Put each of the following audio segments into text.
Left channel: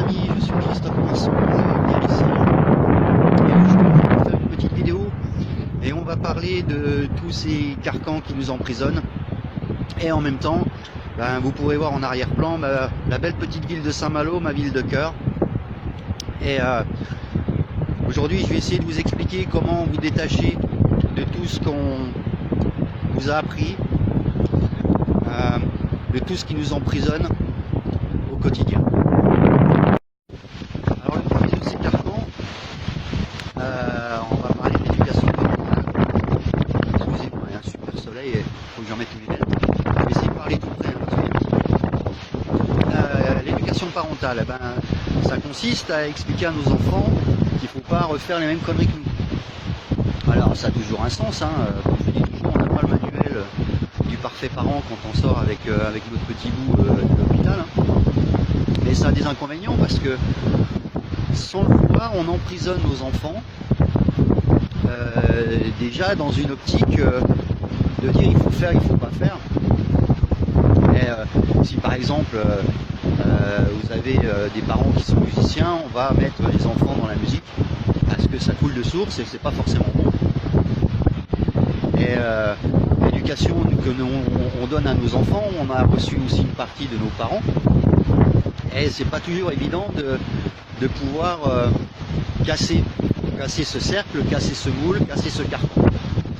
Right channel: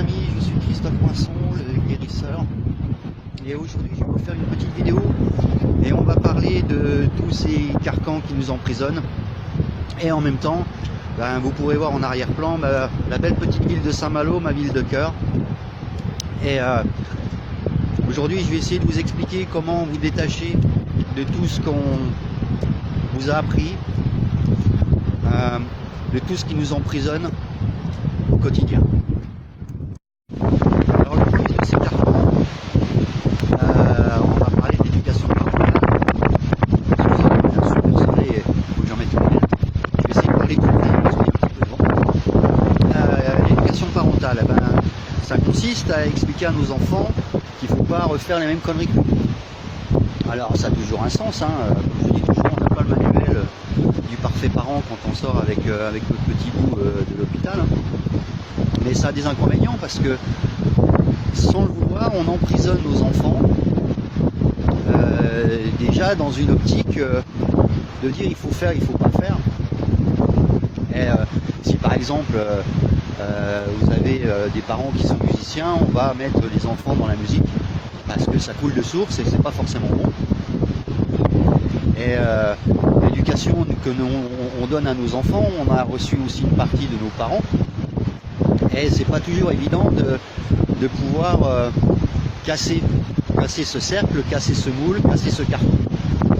amis, je suis Christophe Masson de Guérisseur. Et aujourd'hui, je vais faire une petite vidéo et on va parler de tous ces carcans qui nous emprisonnent. Et en même temps, vous pourrez voir en arrière-plan la belle petite ville de Saint-Malo, ma ville de cœur. Et aujourd'hui, je vais essayer de vous expliquer comment vous détacher de tout ce qu'on vous a appris, de tout ce qui nous emprisonne au quotidien. Alors le premier de ces carcans, on va parler de l'éducation parentale. Excusez-moi, il y a un super soleil et il faut que j'en mette une belle. Je vais essayer de parler tout près. L'éducation parentale, ça consiste à expliquer à nos enfants qu'il ne faut pas refaire les mêmes conneries que nous. Alors ça a toujours un sens, hein. Comme je dis toujours, on n'a pas le manuel du parfait parent quand on sort avec notre petit bout de l'hôpital, hein. Mais ça a des inconvénients parce que sans le vouloir, on emprisonne nos enfants déjà dans une optique de dire il faut faire, il faut pas faire. Et si par exemple vous avez des parents qui sont musiciens, on va mettre les enfants dans la musique parce que ça coule de source et c'est pas forcément bon. Et l'éducation que on donne à nos enfants, on a reçu aussi une partie de nos parents. Et c'est pas toujours évident de pouvoir casser ce cercle, casser ce moule, casser ce carton.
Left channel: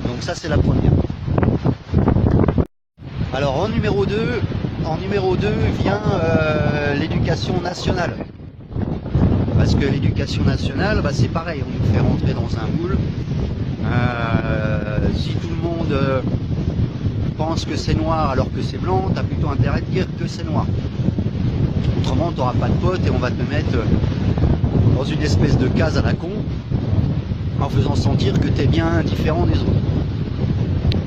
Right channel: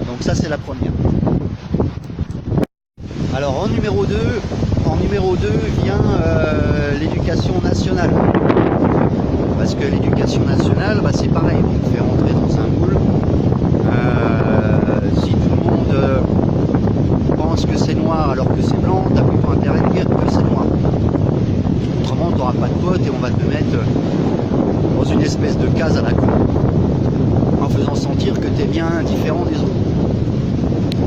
Donc ça c'est la première. Alors en numéro 2 vient l'éducation nationale. Parce que l'éducation nationale, c'est pareil, on nous fait rentrer dans un moule. Si tout le monde pense que c'est noir alors que c'est blanc, tu as plutôt intérêt de dire que c'est noir. Autrement, tu n'auras pas de potes et on va te mettre dans une espèce de case à la con, en faisant sentir que tu es bien différent des autres.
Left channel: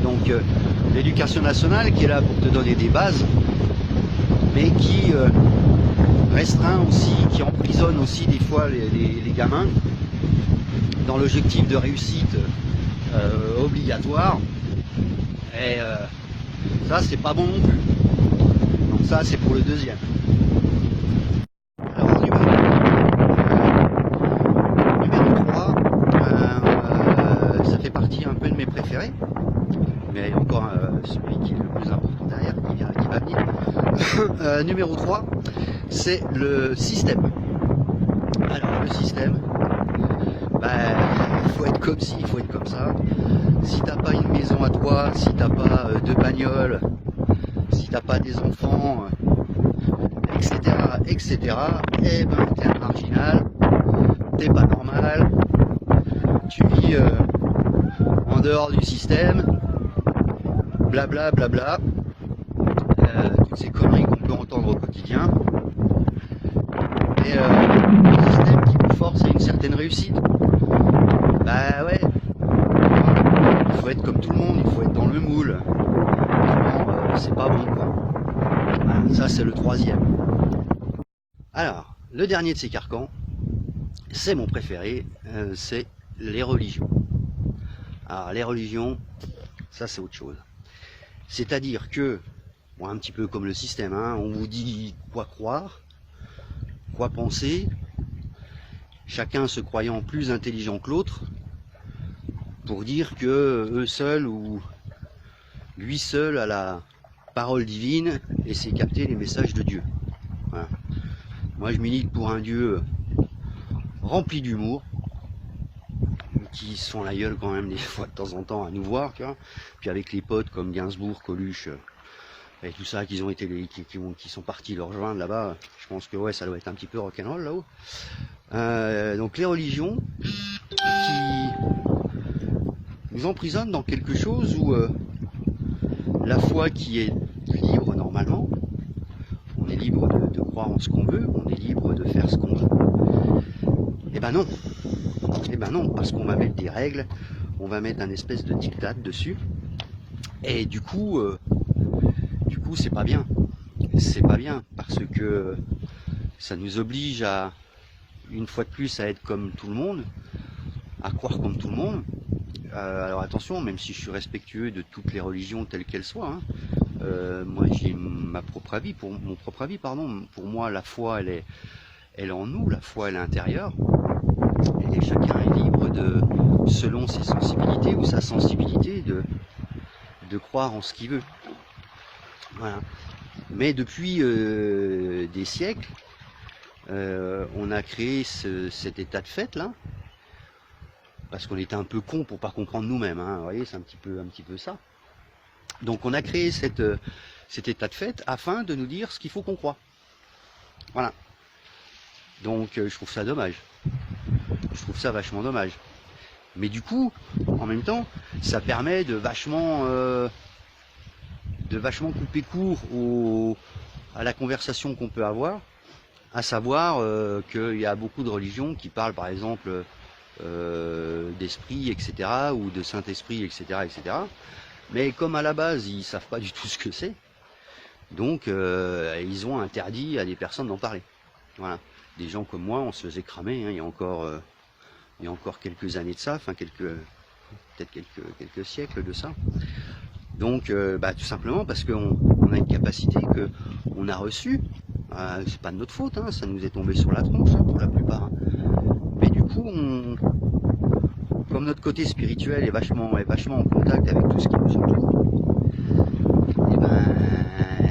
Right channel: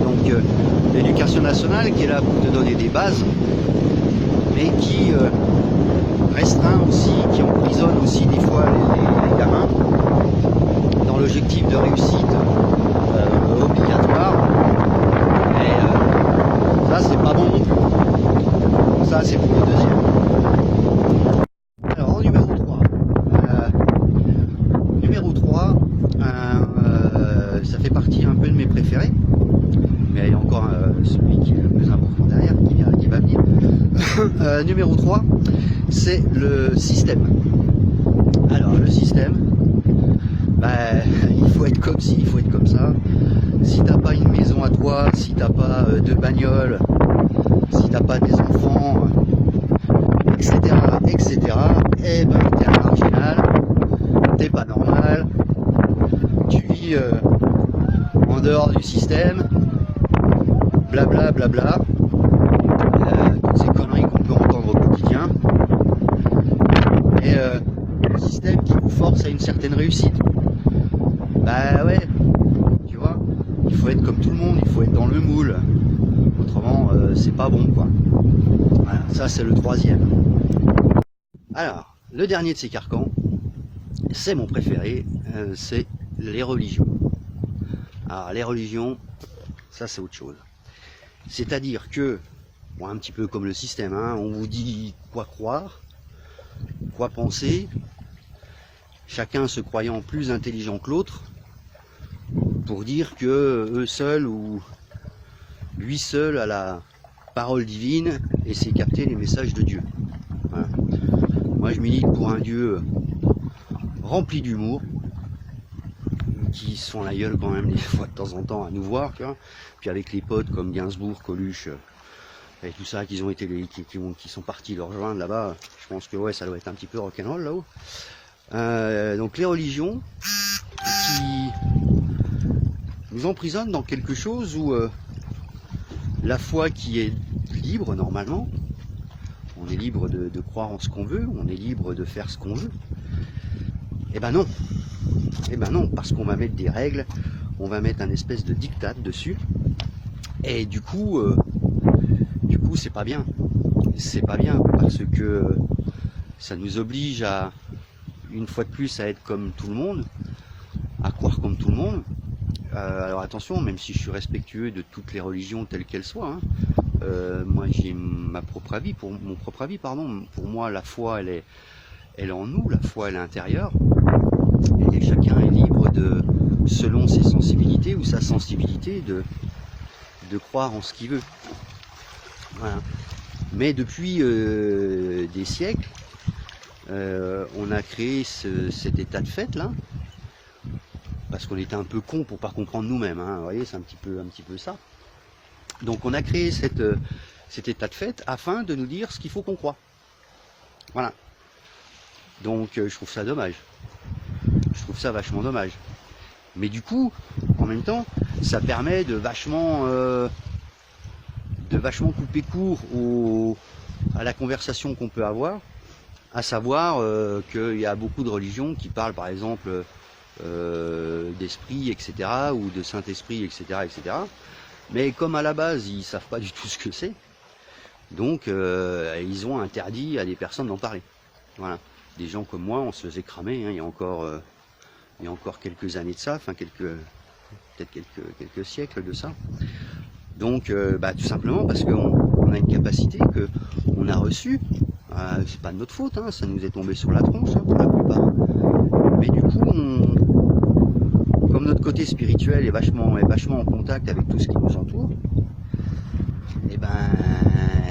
Donc l'éducation nationale qui est là pour te donner des bases, mais qui restreint aussi, qui emprisonne aussi des fois les gamins dans l'objectif de réussite obligatoire. Et ça c'est pas bon non plus. Ça c'est pour le deuxième. Alors en numéro 3, ça fait partie un peu de mes préférés. Mais il y a encore celui qui est le plus important derrière, qui va venir. Numéro 3, c'est le système. Alors le système, il faut être comme ci, il faut être comme ça. Si t'as pas une maison à toi, si t'as pas de bagnole, si t'as pas des enfants, etc., t'es un marginal, t'es pas normal, tu vis en dehors du système, blabla, blabla, toutes ces conneries qu'on peut entendre au quotidien, et le système qui nous force à une certaine réussite. Ouais, il faut être comme tout le monde, il faut être dans le moule, autrement c'est pas bon quoi. Voilà, ça c'est le troisième. Alors, le dernier de ces carcans, c'est mon préféré, c'est les religions. Alors les religions, ça c'est autre chose. C'est-à-dire que, bon, un petit peu comme le système, hein, on vous dit quoi croire, quoi penser, chacun se croyant plus intelligent que l'autre, pour dire que eux seuls ou lui seul a la parole divine et sait capter les messages de Dieu. Voilà. Moi je milite pour un Dieu rempli d'humour, qui se font la gueule quand même des fois de temps en temps à nous voir, tu vois. Puis avec les potes comme Gainsbourg, Coluche et tout ça, qui sont partis leur rejoindre là-bas, je pense que ouais, ça doit être un petit peu rock'n'roll là-haut. Donc les religions qui nous emprisonnent dans quelque chose où la foi qui est libre normalement, on est libre de croire en ce qu'on veut, on est libre de faire ce qu'on veut. Eh ben non, parce qu'on va mettre des règles, on va mettre un espèce de diktat dessus, et du coup c'est pas bien. C'est pas bien parce que ça nous oblige à, une fois de plus, à être comme tout le monde, à croire comme tout le monde. Alors attention, même si je suis respectueux de toutes les religions telles qu'elles soient, hein, moi j'ai mon propre avis, pardon. Pour moi, la foi, elle elle est en nous, la foi elle est intérieure, et chacun est libre de, selon ses sensibilités ou sa sensibilité, de croire en ce qu'il veut. Voilà. Mais depuis des siècles, on a créé cet état de fait là, parce qu'on était un peu cons pour pas comprendre nous-mêmes, hein. Vous voyez, c'est un petit peu ça. Donc on a créé cet état de fait afin de nous dire ce qu'il faut qu'on croit. Voilà. Donc je trouve ça dommage. Je trouve ça vachement dommage. Mais du coup, en même temps, ça permet de vachement couper court à la conversation qu'on peut avoir, à savoir qu'il y a beaucoup de religions qui parlent par exemple d'esprit, etc., ou de Saint-Esprit, etc., etc. Mais comme à la base, ils savent pas du tout ce que c'est, donc ils ont interdit à des personnes d'en parler. Voilà. Des gens comme moi, on se faisait cramer, hein, il y a encore quelques années de ça, enfin peut-être quelques siècles de ça. Donc tout simplement parce qu'on a une capacité que on a reçue, c'est pas de notre faute, hein, ça nous est tombé sur la tronche, hein, pour la plupart. Mais du coup, comme notre côté spirituel est vachement en contact avec tout ce qui nous entoure,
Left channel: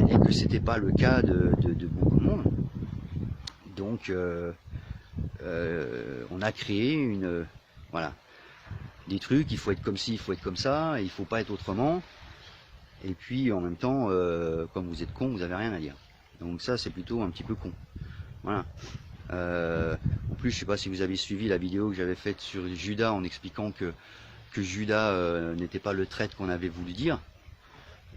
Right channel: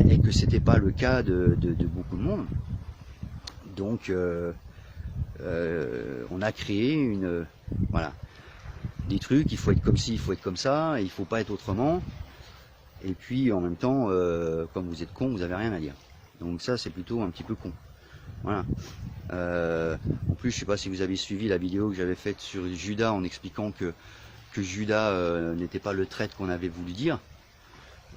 et que c'était pas le cas de beaucoup de monde, donc on a créé voilà, des trucs, il faut être comme ci, il faut être comme ça, et il faut pas être autrement. Et puis en même temps, comme vous êtes con, vous avez rien à dire. Donc ça, c'est plutôt un petit peu con. Voilà. En plus, je sais pas si vous avez suivi la vidéo que j'avais faite sur Judas en expliquant que Judas n'était pas le traître qu'on avait voulu dire.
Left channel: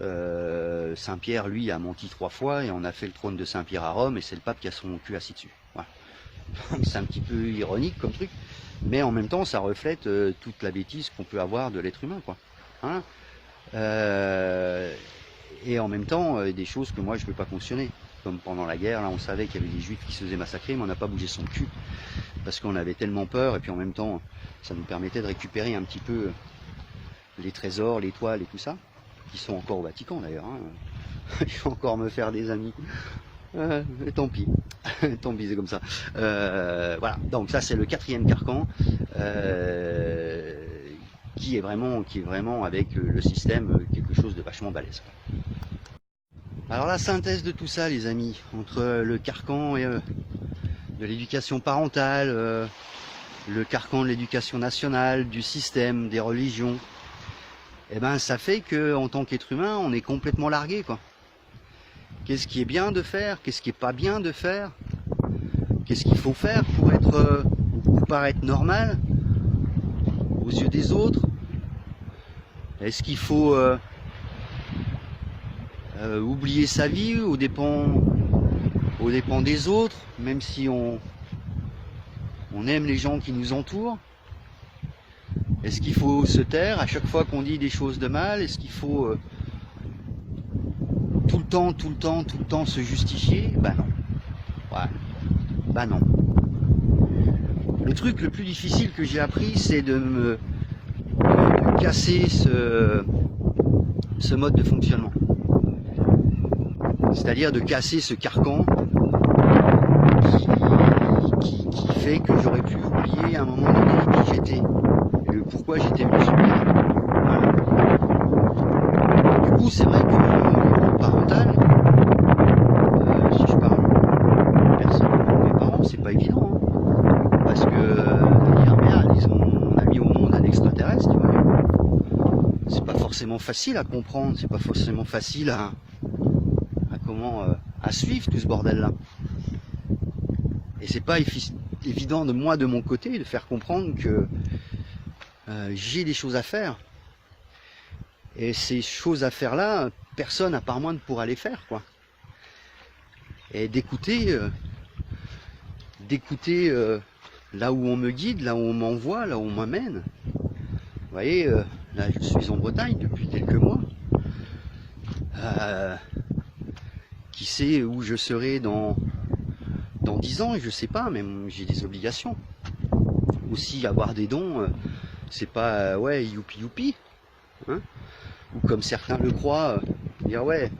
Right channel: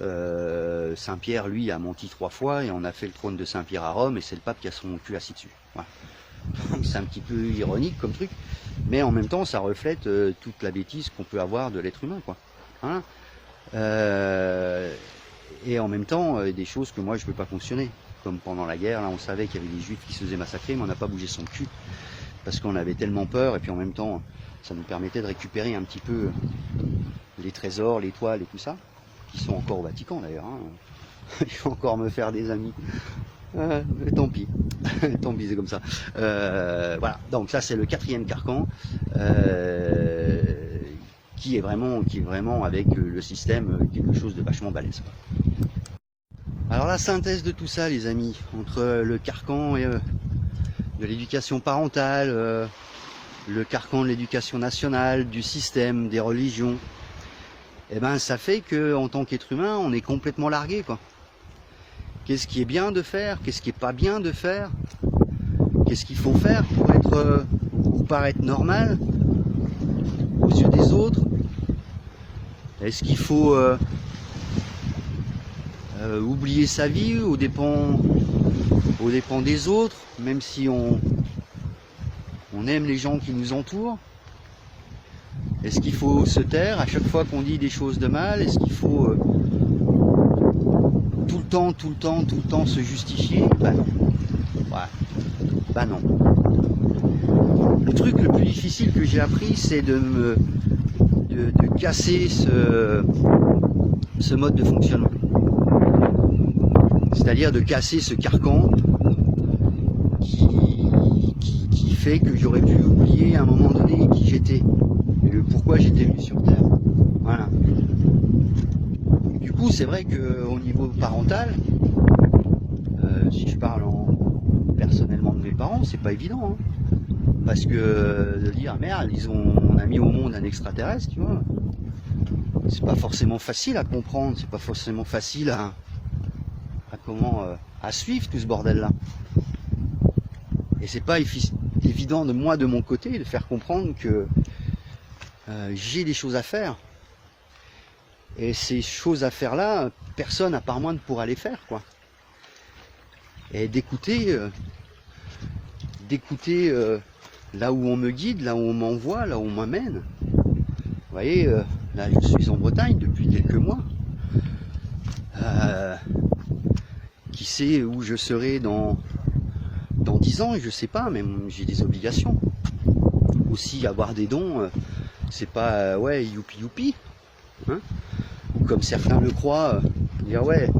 Saint-Pierre, lui, a menti 3 fois et on a fait le trône de Saint-Pierre à Rome et c'est le pape qui a son cul assis dessus. Voilà. C'est un petit peu ironique comme truc, mais en même temps, ça reflète toute la bêtise qu'on peut avoir de l'être humain, quoi. Hein, et en même temps, des choses que moi je peux pas cautionner. Comme pendant la guerre, là on savait qu'il y avait des juifs qui se faisaient massacrer, mais on n'a pas bougé son cul. Parce qu'on avait tellement peur, et puis en même temps, ça nous permettait de récupérer un petit peu les trésors, les toiles et tout ça, qui sont encore au Vatican d'ailleurs. Hein. Il faut encore me faire des amis. Tant pis, tant pis, c'est comme ça. Voilà, donc ça c'est le 4e carcan. Qui est vraiment avec le système quelque chose de vachement balèze. Alors la synthèse de tout ça, les amis, entre le carcan de l'éducation parentale, le carcan de l'éducation nationale, du système, des religions, et ben ça fait que en tant qu'être humain, on est complètement largué, quoi. Qu'est-ce qui est bien de faire, qu'est-ce qui est pas bien de faire, qu'est-ce qu'il faut faire pour paraître normal aux yeux des autres? Est-ce qu'il faut oublier sa vie aux dépens des autres, même si on aime les gens qui nous entourent? Est-ce qu'il faut se taire à chaque fois qu'on dit des choses de mal? Est-ce qu'il faut tout le temps se justifier? Bah non. Ouais. Bah non. Le truc le plus difficile que j'ai appris, c'est de casser ce mode de fonctionnement. C'est-à-dire de casser ce carcan qui fait que j'aurais pu oublier à un moment donné qui j'étais et pourquoi j'étais musulman. Voilà. Du coup, c'est vrai qu'au niveau parental, si je parle personnellement de mes parents, c'est pas évident. Hein. Parce que dire merde, on a mis au monde un extraterrestre, tu vois. C'est pas forcément facile à comprendre, c'est pas forcément facile à suivre tout ce bordel là. Et c'est pas évident de moi de mon côté de faire comprendre que j'ai des choses à faire. Et ces choses à faire là, personne à part moi ne pourra les faire, quoi. Et d'écouter là où on me guide, là où on m'envoie, là où on m'amène. Vous voyez, là je suis en Bretagne depuis quelques mois. Qui sait où je serai dans 10 ans, je sais pas, mais j'ai des obligations. Aussi avoir des dons, c'est pas ouais youpi youpi, hein, ou comme certains le croient, dire ouais,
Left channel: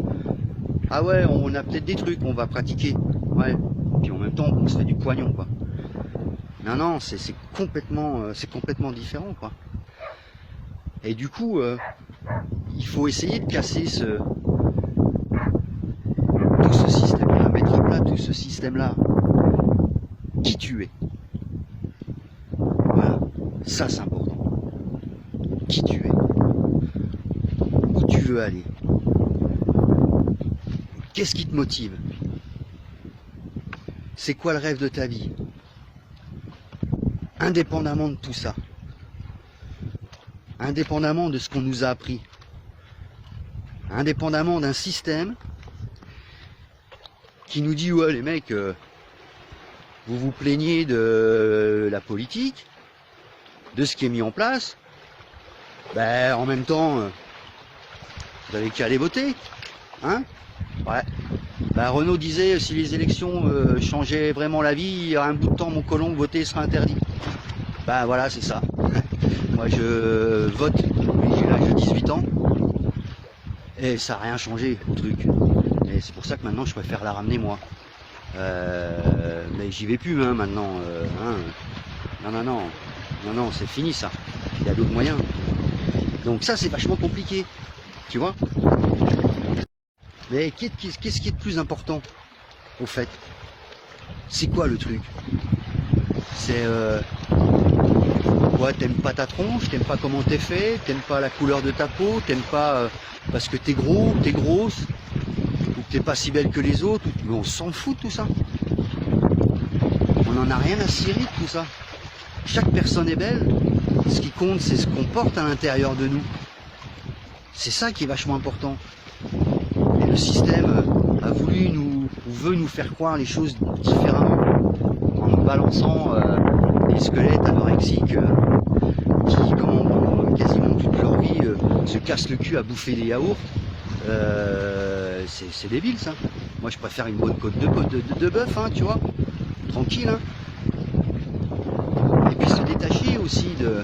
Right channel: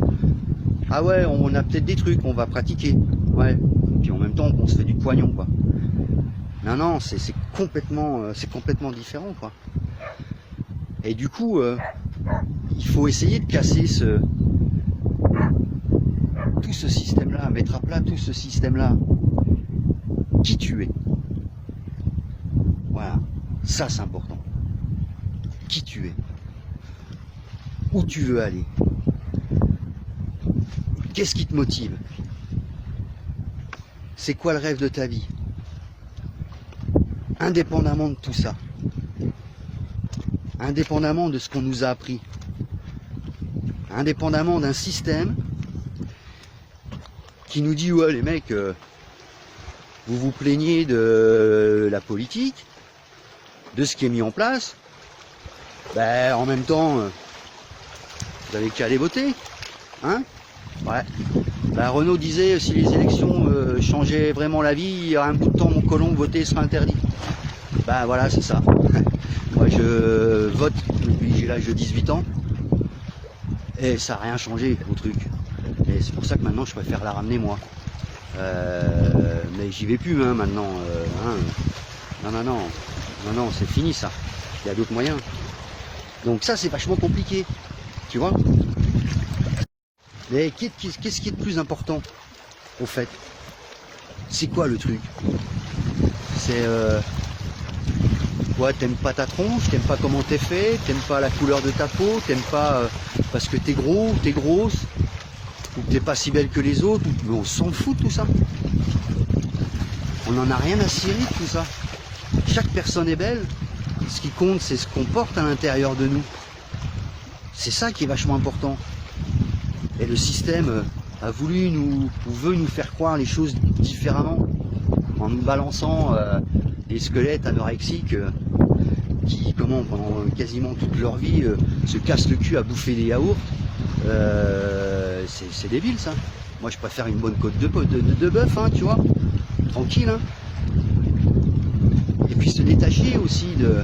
ah ouais, on a peut-être des trucs, on va pratiquer, ouais, puis en même temps qu'on se fait du poignon, quoi. Non, non, c'est complètement différent, quoi. Et du coup, il faut essayer de casser tout ce système-là, mettre à plat tout ce système-là. Qui tu es. Voilà, ça c'est important. Qui tu es. Où tu veux aller. Qu'est-ce qui te motive? C'est quoi le rêve de ta vie? Indépendamment de tout ça. Indépendamment de ce qu'on nous a appris. Indépendamment d'un système qui nous dit ouais les mecs, vous vous plaignez de la politique, de ce qui est mis en place, ben en même temps vous avez qu'à aller voter, hein? Ouais. Ben, Renaud disait si les élections changeaient vraiment la vie, il y aura un bout de temps mon colon, voter sera interdit. Ben voilà, c'est ça. Moi je vote depuis j'ai l'âge de 18 ans et ça n'a rien changé au truc. Et c'est pour ça que maintenant je préfère la ramener moi. Mais j'y vais plus hein, maintenant. Hein. Non, c'est fini ça. Il y a d'autres moyens. Donc ça c'est vachement compliqué. Tu vois? Mais qu'est-ce qui est de plus important au fait? C'est quoi le truc? C'est quoi? T'aimes pas ta tronche? T'aimes pas comment t'es fait? T'aimes pas la couleur de ta peau? T'aimes pas parce que t'es gros ou t'es grosse? Ou que t'es pas si belle que les autres? Mais on s'en fout de tout ça. On en a rien à cirer de tout ça. Chaque personne est belle. Ce qui compte, c'est ce qu'on porte à l'intérieur de nous. C'est ça qui est vachement important. Et le système a voulu ou veut nous faire croire les choses différemment en nous balançant des squelettes anorexiques qui, pendant quasiment toute leur vie, se cassent le cul à bouffer des yaourts. C'est débile ça. Moi je préfère une bonne côte de bœuf, hein, tu vois, tranquille. Hein. Et puis se détacher aussi de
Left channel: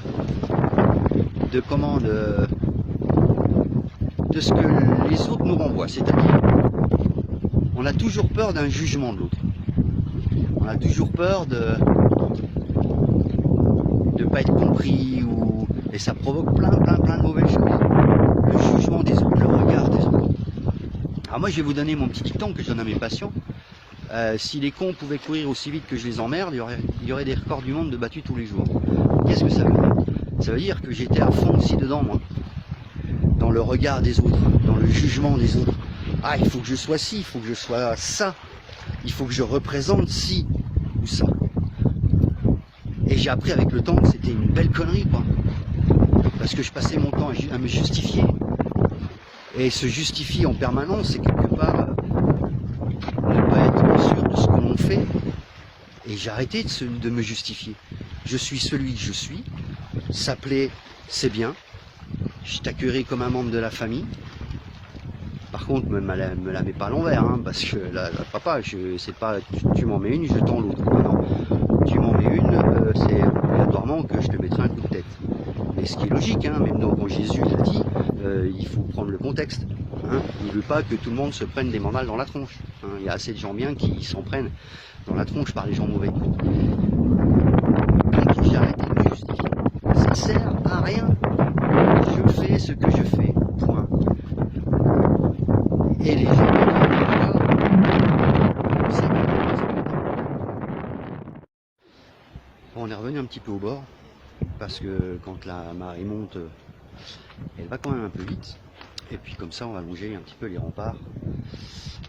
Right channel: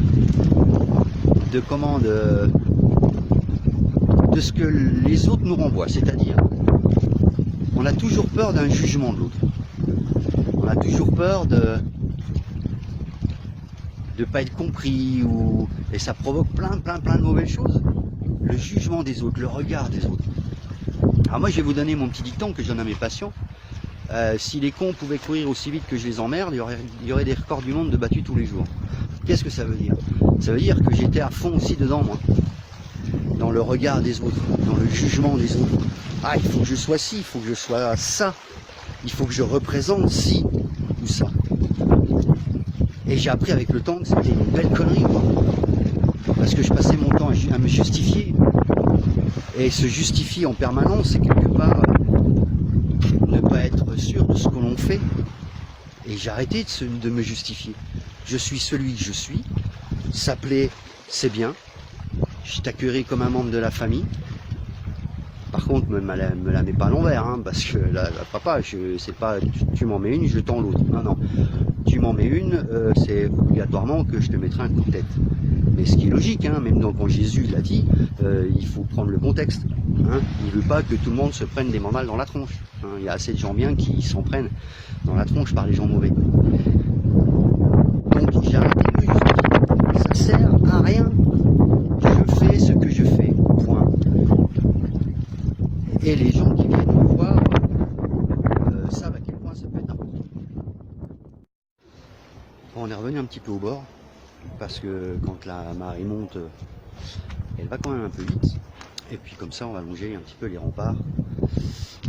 ce que les autres nous renvoient, c'est-à-dire on a toujours peur d'un jugement de l'autre. On a toujours peur de pas être compris et ça provoque plein de mauvaises choses. Le jugement des autres, le regard des autres. Alors moi je vais vous donner mon petit dicton que je donne à mes patients. Si les cons pouvaient courir aussi vite que je les emmerde, il y aurait des records du monde de battus tous les jours. Qu'est-ce que ça veut dire? Ça veut dire que j'étais à fond aussi dedans moi. Dans le regard des autres, dans le jugement des autres. Ah, il faut que je sois ci, il faut que je sois ça. Il faut que je représente ci ou ça. Et j'ai appris avec le temps que c'était une belle connerie, quoi. Parce que je passais mon temps à me justifier. Et se justifier en permanence, c'est quelque part ne pas être sûr de ce que l'on fait. Et j'ai arrêté de me justifier. Je suis celui que je suis. Ça plaît, c'est bien. Je t'accueillerai comme un membre de la famille. Par contre, me la mets pas à l'envers, hein, parce que là, papa, c'est pas tu m'en mets une, je tends l'autre. Non. Tu m'en mets une, c'est obligatoirement que je te mettrai un coup de tête. Mais ce qui est logique, hein, même quand Jésus l'a dit, il faut prendre le contexte. Hein. Il ne veut pas que tout le monde se prenne des mandales dans la tronche. Hein. Il y a assez de gens bien qui s'en prennent dans la tronche par les gens mauvais. Donc j'ai arrêté de me justifier. Ça ne sert à rien. Je fais ce que je fais. Point. Et les gens qui viennent me voir, ça va. Bon, on est revenu un petit peu au bord, parce que quand la marée monte, elle va quand même un peu vite. Et puis comme ça, on va longer un petit peu les remparts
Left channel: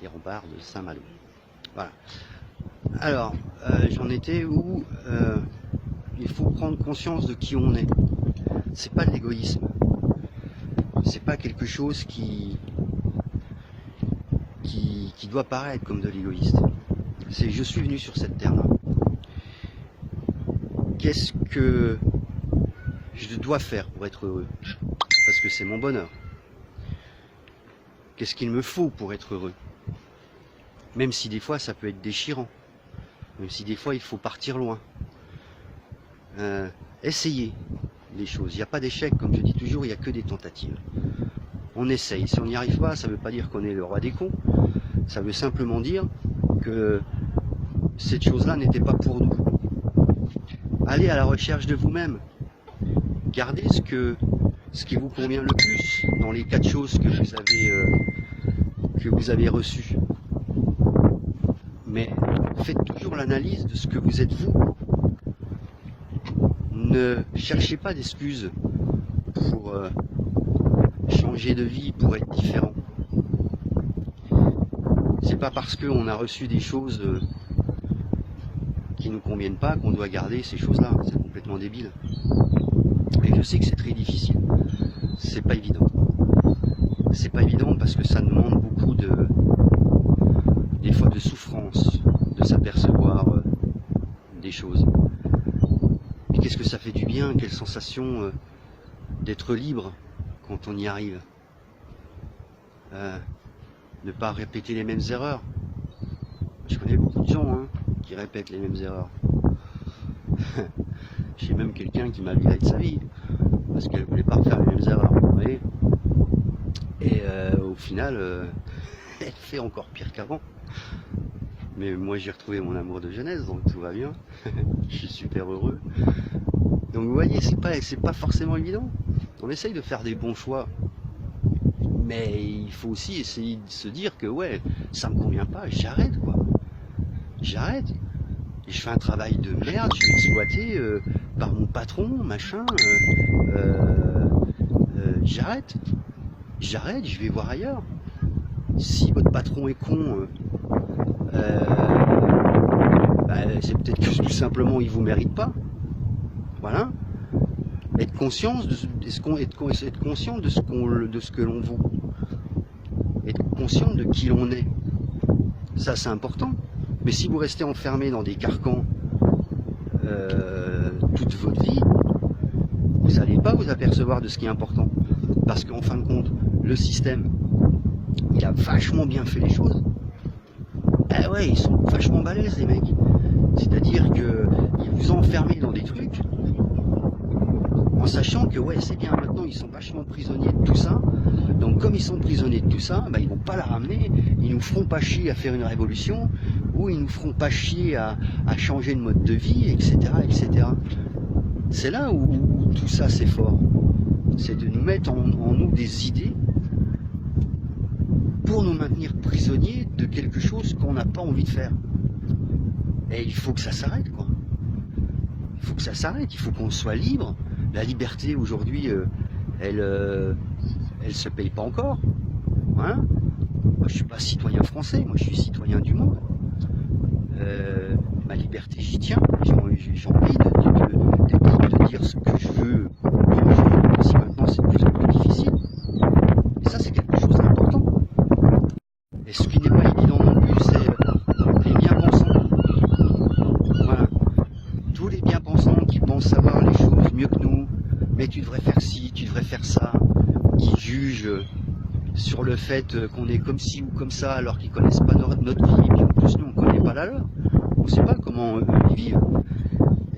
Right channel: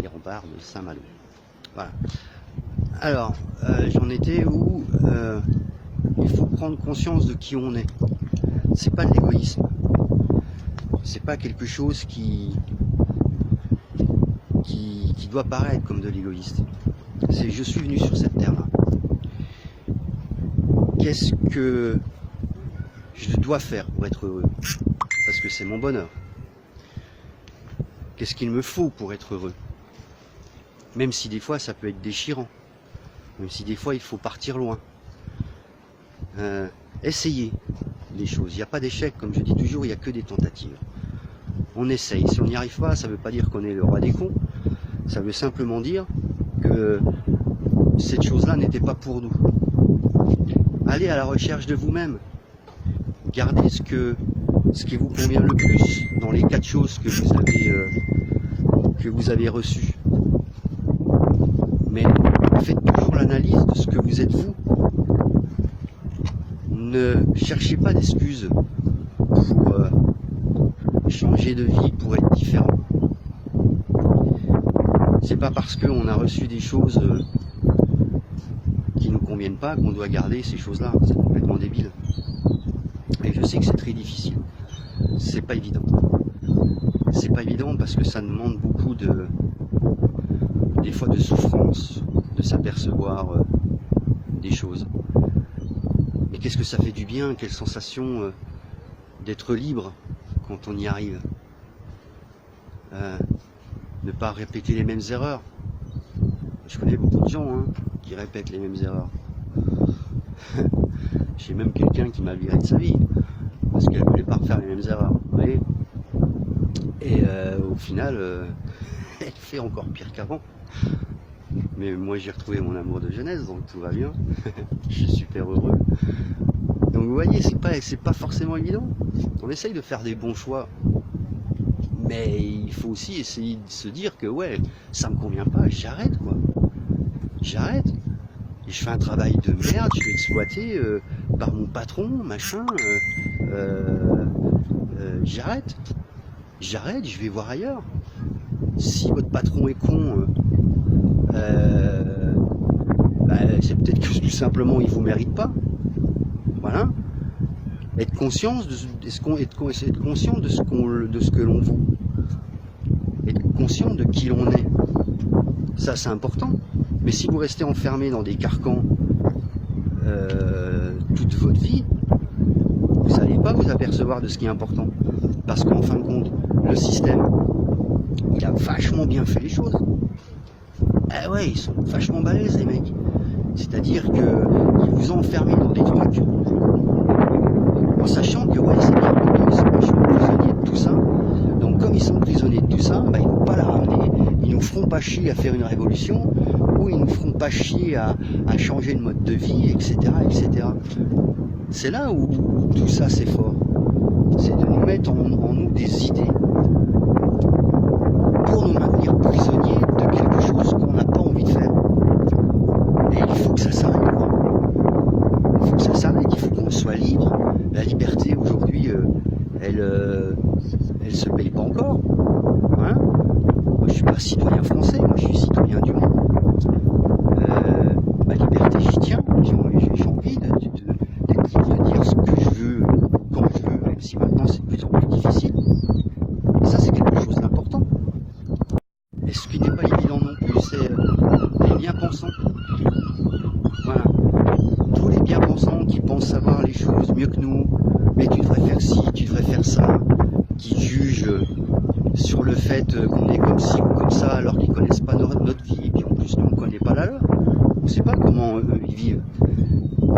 de Saint-Malo. Voilà. Alors, j'en étais où il faut prendre conscience de qui on est. C'est pas de l'égoïsme. C'est pas quelque chose qui doit paraître comme de l'égoïste. C'est je suis venu sur cette terre-là. Qu'est-ce que je dois faire pour être heureux? Parce que c'est mon bonheur. Qu'est-ce qu'il me faut pour être heureux? Même si des fois ça peut être déchirant. Même si des fois il faut partir loin. Essayez les choses. Il n'y a pas d'échec, comme je dis toujours, il n'y a que des tentatives. On essaye. Si on n'y arrive pas, ça ne veut pas dire qu'on est le roi des cons. Ça veut simplement dire que cette chose-là n'était pas pour nous. Allez à la recherche de vous-même. Gardez ce qui vous convient le plus dans les 4 choses que vous avez reçues. Mais faites toujours l'analyse de ce que vous êtes vous. Ne cherchez pas d'excuses pour changer de vie, pour être différent. C'est pas parce qu'on a reçu des choses qui nous conviennent pas qu'on doit garder ces choses-là. C'est complètement débile. Et je sais que c'est très difficile. C'est pas évident. C'est pas évident parce que ça demande beaucoup des fois de souffrance, de s'apercevoir des choses. Mais qu'est-ce que ça fait du bien, quelle sensation d'être libre quand on y arrive. Ne pas répéter les mêmes erreurs. Je connais beaucoup de gens qui répètent les mêmes erreurs. J'ai même quelqu'un qui m'a viré de sa vie parce qu'elle ne voulait pas refaire les mêmes erreurs. Vous voyez, et au final, elle fait encore pire qu'avant. Mais moi j'ai retrouvé mon amour de jeunesse, donc tout va bien. Je suis super heureux. Donc vous voyez, c'est pas forcément évident. On essaye de faire des bons choix. Mais il faut aussi essayer de se dire que ouais, ça me convient pas, j'arrête quoi. J'arrête. Et je fais un travail de merde, je suis exploité par mon patron, machin. J'arrête. J'arrête, je vais voir ailleurs. Si votre patron est con, c'est peut-être que tout simplement il vous mérite pas. Voilà. Être conscient de ce que l'on vaut. Être conscient de qui l'on est. Ça c'est important. Mais si vous restez enfermé dans des carcans toute votre vie, vous n'allez pas vous apercevoir de ce qui est important. Parce qu'en fin de compte, le système, il a vachement bien fait les choses. Eh ouais, ils sont vachement balèzes les mecs. C'est-à-dire qu'ils vous ont enfermé dans des trucs en sachant que ouais, c'est bien, ils sont vachement prisonniers de tout ça. Donc comme ils sont prisonniers de tout ça, ils ne vont pas la ramener, ils nous feront pas chier à faire une révolution, ou ils nous feront pas chier à changer de mode de vie, etc. etc. C'est là où tout ça c'est fort. C'est de nous mettre en nous des idées pour nous maintenir prisonniers de quelque chose qu'on n'a pas envie de faire. Et il faut que ça s'arrête, quoi. Il faut que ça s'arrête, il faut qu'on soit libre. La liberté aujourd'hui, elle se paye pas encore. Hein, moi je suis pas citoyen français, moi je suis citoyen du monde. Ma liberté j'y tiens, j'ai envie de dire ce que je veux, quand je veux, même si maintenant c'est de plus en plus difficile. Et ça c'est quelque chose d'important. Et ce qui n'est pas évident non plus, c'est les bien-pensants. Voilà. Tous les bien-pensants qui pensent savoir les choses mieux que nous, mais tu devrais faire ci, tu devrais faire ça, ils jugent sur le fait qu'on est comme ci ou comme ça, alors qu'ils ne connaissent pas notre vie, puis en plus nous on ne connaît pas la leur. On ne sait pas comment eux ils vivent.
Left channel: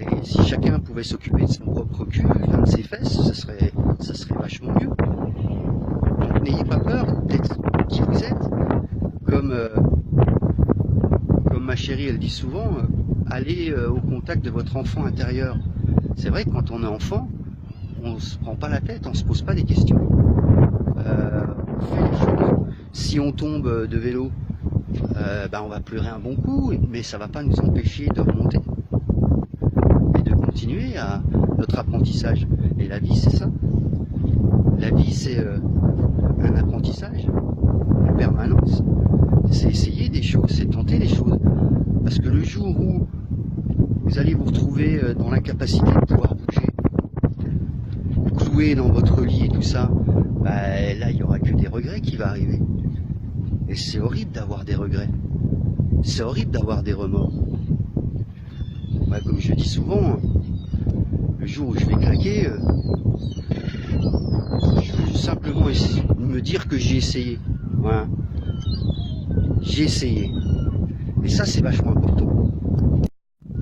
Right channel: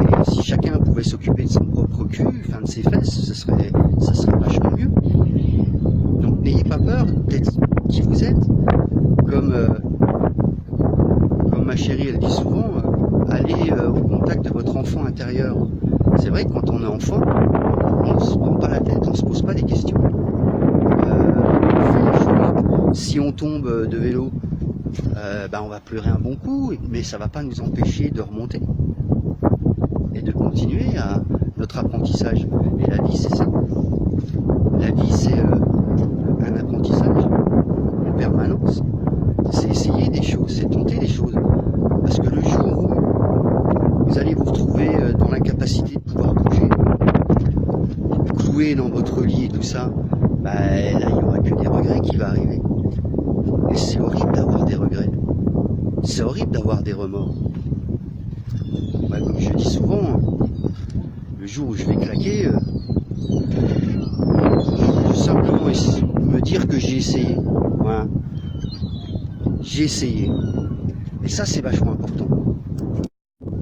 Et si chacun pouvait s'occuper de son propre cul, enfin de ses fesses, ça serait vachement mieux. Donc n'ayez pas peur d'être qui vous êtes. Comme ma chérie elle dit souvent, allez au contact de votre enfant intérieur. C'est vrai que quand on est enfant, on ne se prend pas la tête, on ne se pose pas des questions. On fait les choses. Si on tombe de vélo, on va pleurer un bon coup, mais ça ne va pas nous empêcher de remonter et de continuer à notre apprentissage. Et la vie, c'est ça. La vie, c'est un apprentissage en permanence. C'est essayer des choses, c'est tenter des choses. Parce que le jour où vous allez vous retrouver dans l'incapacité de pouvoir bouger, cloué dans votre lit et tout ça, là il n'y aura que des regrets qui vont arriver. Et c'est horrible d'avoir des regrets. C'est horrible d'avoir des remords. Comme je dis souvent, le jour où je vais craquer, je vais simplement me dire que j'ai essayé. Voilà. J'ai essayé. Et ça c'est vachement important.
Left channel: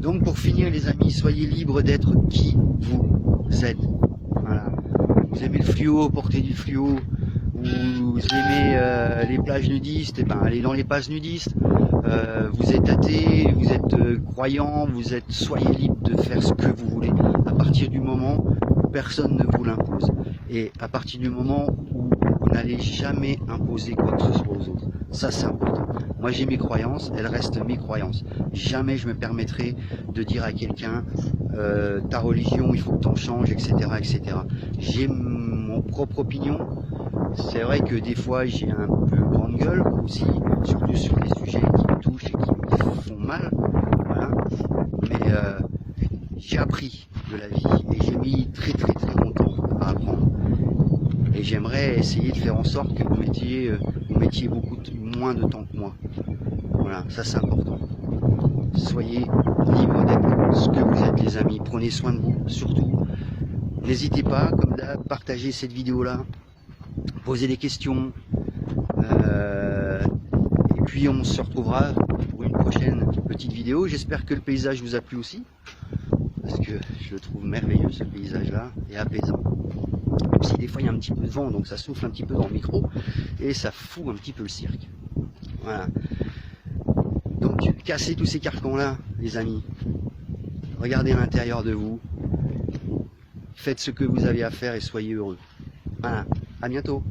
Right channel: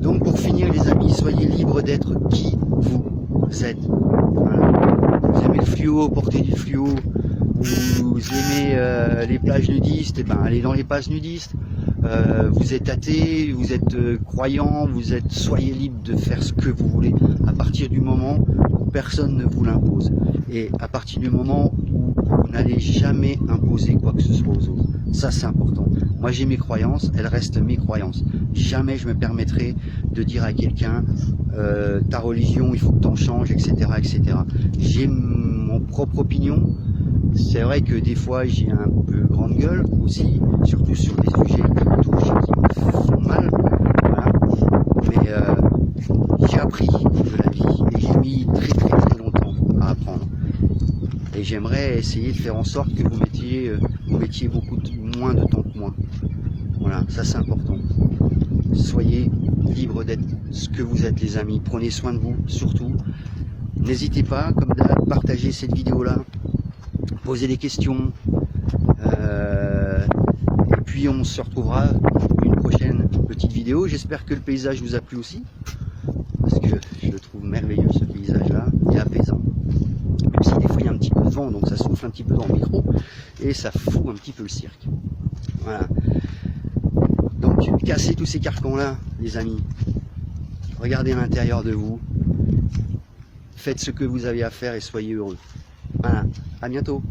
Donc pour finir les amis, soyez libres d'être qui vous êtes. Voilà. Vous aimez le fluo, portez du fluo. Vous aimez les plages nudistes, et ben allez dans les plages nudistes. Vous êtes athée, vous êtes croyant, soyez libre de faire ce que vous voulez à partir du moment où personne ne vous l'impose. Et à partir du moment où vous n'allez jamais imposer quoi que ce soit aux autres. Ça c'est important. Moi j'ai mes croyances, elles restent mes croyances. Jamais je me permettrai de dire à quelqu'un ta religion il faut que tu en changes, etc. etc. J'ai mon propre opinion. C'est vrai que des fois j'ai un peu grande gueule aussi, surtout sur les sujets qui me touchent et qui me font mal. Voilà. Mais j'ai appris de la vie et j'ai mis très longtemps à apprendre. Et j'aimerais essayer de faire en sorte que vous mettiez beaucoup moins de temps que moi. Voilà, ça c'est important. Soyez libres d'être ce que vous êtes les amis. Prenez soin de vous, surtout. N'hésitez pas, comme d'hab, partagez cette vidéo-là. Posez des questions. Et puis on se retrouvera pour une prochaine petite vidéo. J'espère que le paysage vous a plu aussi. Parce que je le trouve merveilleux ce paysage-là et apaisant. Même si des fois il y a un petit peu de vent, donc ça souffle un petit peu dans le micro et ça fout un petit peu le cirque. Voilà. Donc cassez tous ces carcans-là, les amis. Regardez à l'intérieur de vous. Faites ce que vous avez à faire et soyez heureux. Voilà. À bientôt.